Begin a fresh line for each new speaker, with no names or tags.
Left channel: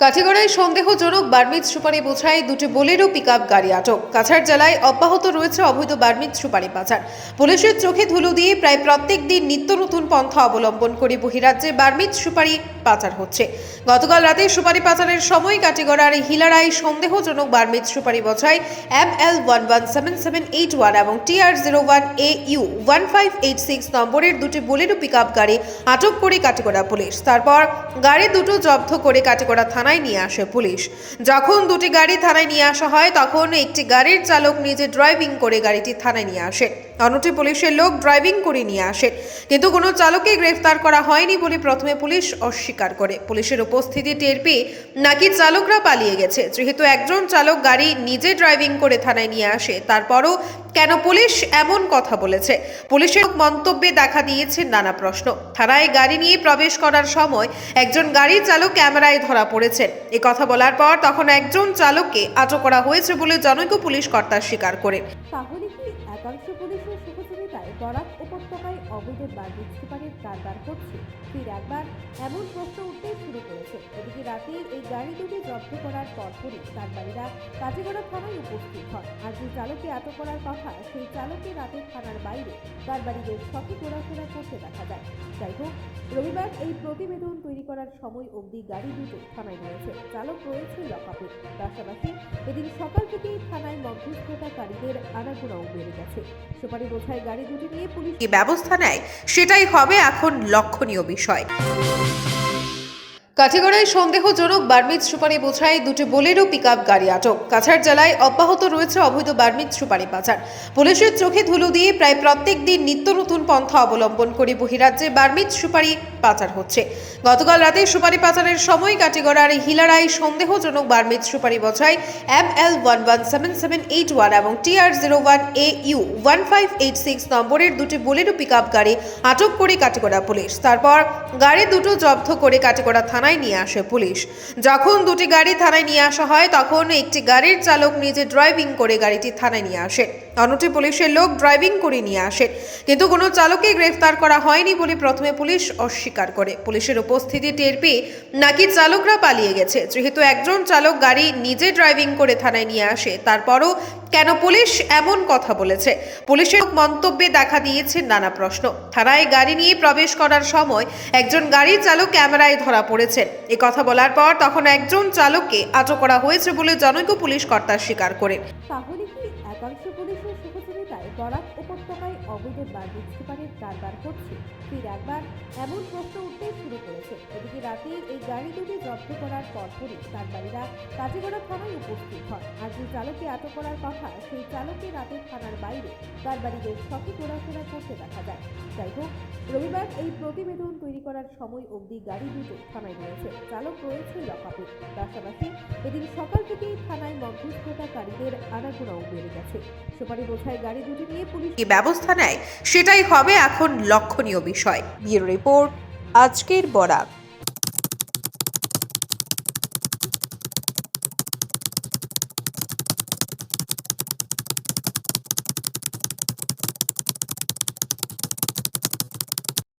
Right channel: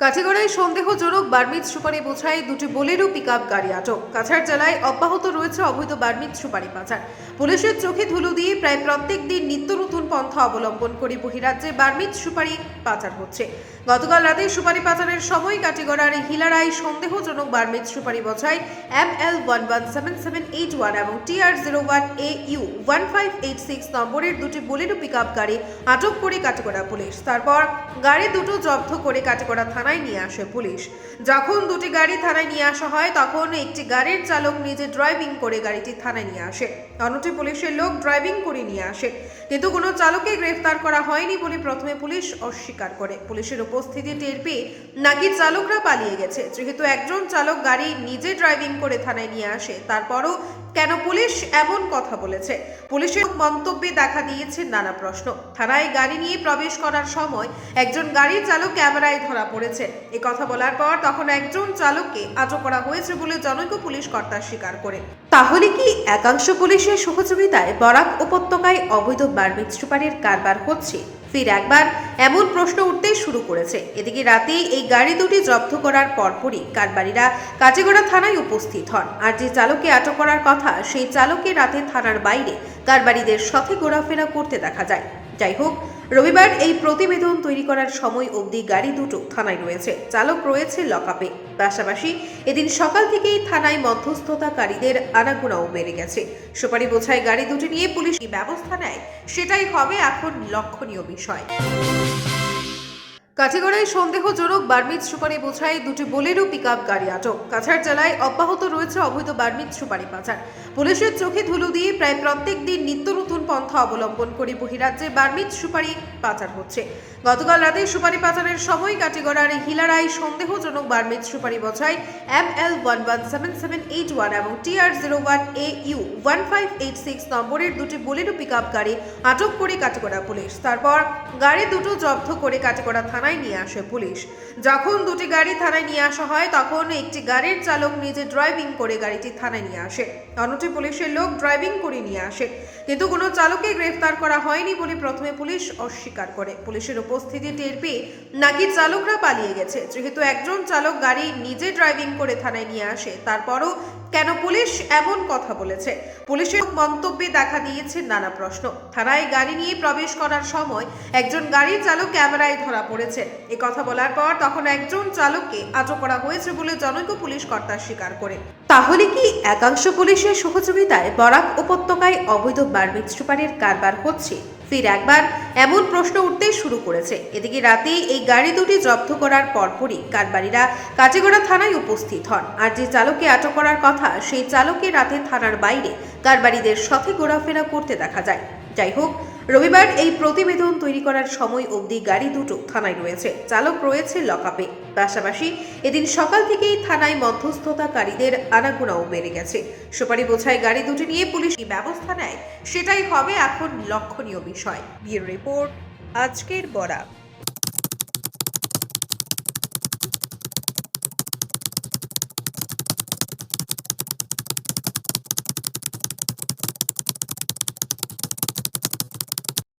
কাঠিগড়ায় সন্দেহজনক বার্মিজ সুপারি বোঝায় দুটি বোলেরো পিকআপ গাড়ি আটক। কাছাড় জেলায় অব্যাহত রয়েছে অবৈধ বার্মিজ সুপারি পাচার পুলিশের চোখে ধুলো দিয়ে প্রায় প্রত্যেক দিন নিত্য নতুন পন্থা অবলম্বন করে বহিরাজ্যে বার্মিজ সুপারি পাচার হচ্ছে। গতকাল রাতে সুপারি পাচারের সময় কাটিগড়ার হিলারায় সন্দেহজনক বার্মিজ সুপারি বোঝায় M L one one seven seven eight one এবং TR zero one A U one five eight six নম্বরের দুটি বোলেরো পিকআপ গাড়ি আটক করে কাটিগড়া পুলিশ। তারপর গাড়ি দুটো জব্দ করে কাটিগড়া থানায় নিয়ে আসে পুলিশ। যখন দুটি গাড়ি থানায় নিয়ে আসা হয়, তখন একটি গাড়ির চালক নিজে ড্রাইভিং করে গাড়িটি থানায় নিয়ে আসে। অন্যটি পুলিশের লোক ড্রাইভিং করে নিয়ে আসে। কিন্তু কোনো চালককে গ্রেফতার করা হয়নি বলে প্রথমে পুলিশ অস্বীকার করে। পুলিশের উপস্থিতি টের পেয়ে নাকি চালকরা পালিয়ে গেছে। যেহেতু একজন চালক গাড়ি নিজে ড্রাইভিং করে থানায় নিয়ে আসে, তারপরও কেন পুলিশ এমন কথা বলেছে? পুলিশের মন্তব্যে দেখা দিয়েছে নানা প্রশ্ন। থানায় গাড়ি নিয়ে প্রবেশ করার সময় একজন গাড়ির চালক ক্যামেরায় ধরা পড়েছেন এ কথা বলার পর তখন একজন চালককে আটক করা হয়েছে বলে জনৈক পুলিশ কর্তা স্বীকার করে। তাহলে কি একাংশ পুলিশের সহযোগিতায় বরাক উপত্যকায় অবৈধ বার্মিজ সুপারির কারবার হচ্ছে। ফির একবার এমন প্রশ্ন উঠতে শুরু করেছে। এদিকে রাতে এই গাড়ি দুটি জব্দ করার পরপরই কারবারিরা কাজেগড়া থানায় উপস্থিত হন। আর যে চালককে আটক করার কথা, সেই চালককে রাতে থানার বাইরে কারবারিদের সাথে ঘোরাফেরা করতে দেখা যায়। যাই হোক রবিবার এই প্রতিবেদন তৈরি করার সময় অবধি গাড়ি দুটো থানায় রয়েছে। চালক রয়েছে লকআপে। পাশাপাশি এদিন সকাল থেকেই থানায় মধ্যস্থতাকারীদের আনাগোনাও বেড়ে গেছে। সুপারি বোঝায় গাড়ি দুটি নিয়ে পুলিশ কি ব্যবস্থা নেয়, সেটাই হবে এখন লক্ষণীয় বিষয়। কাঠিগড়ায় সন্দেহজনক বার্মিজ সুপারি বোঝায় দুটি বোলেরো পিকআপ গাড়ি আটক। কাছাড় জেলায় অব্যাহত রয়েছে অবৈধ বার্মিজ সুপারি পাচার। পুলিশের চোখে ধুলো দিয়ে প্রায় প্রত্যেক দিন নিত্য নতুন পন্থা অবলম্বন করে বহিরাজ্যে বার্মিজ সুপারি পাচার হচ্ছে। গতকাল রাতে সুপারি পাচারের সময় কাটিগড়ার হিলারায় সন্দেহজনক বার্মিজ সুপারি বোঝায় M L one one seven seven eight one এবং TR zero one A U one five eight six নম্বরের দুটি বোলেরো পিকআপ গাড়ি আটক করে কাটিগড়া পুলিশ। তারপর গাড়ি দুটো জব্দ করে কাটিগড়া থানায় নিয়ে আসে পুলিশ। যখন দুটি গাড়ি থানায় নিয়ে আসা হয়, তখন একটি গাড়ির চালক নিজে ড্রাইভিং করে গাড়িটি থানায় নিয়ে আসে। অন্যটি পুলিশের লোক ড্রাইভিং করে নিয়ে আসে। কিন্তু কোনো চালককে গ্রেফতার করা হয়নি বলে প্রথমে পুলিশ অস্বীকার করে। পুলিশের উপস্থিতি টের পেয়ে নাকি চালকরা পালিয়ে গেছে। যেহেতু একজন চালক গাড়ি নিজে ড্রাইভিং করে থানায় নিয়ে আসে, তারপরও কেন পুলিশ এমন কথা বলেছে? পুলিশের মন্তব্যে দেখা দিয়েছে নানা প্রশ্ন। থানায় গাড়ি নিয়ে প্রবেশ করার সময় একজন গাড়ির চালক ক্যামেরায় ধরা পড়েছেন এ কথা বলার পর তখন একজন চালককে আটক করা হয়েছে বলে জনৈক পুলিশ কর্তা স্বীকার করে। তাহলে কি একাংশ পুলিশের সহযোগিতায় বরাক উপত্যকায় অবৈধ বার্মিজ সুপারির কারবার হচ্ছে? ফির একবার এমন প্রশ্ন উঠতে শুরু করেছে। এদিকে রাতে এই গাড়ি দুটি জব্দ করার পরপরই কারবারিরা কাটিগড়া থানায় উপস্থিত হন। আর যে চালককে আটক করার কথা, সেই চালককে রাতে থানার বাইরে কারবারিদের সাথে ঘোরাফেরা করতে দেখা যায়। যাই হোক রবিবার এই প্রতিবেদন তৈরি করার সময় অবধি গাড়ি দুটো থানায় রয়েছে। চালক রয়েছে লকআপে। পাশাপাশি এদিন সকাল থেকেই থানায় মধ্যস্থতাকারীদের আনাগোনাও বেড়ে গেছে। সুপারি বোঝায় গাড়ি দুটি নিয়ে পুলিশ কি ব্যবস্থা নেয়, সেটাই হবে এখন লক্ষণীয় বিষয়। ব্যুরো রিপোর্ট, আজকের বরাক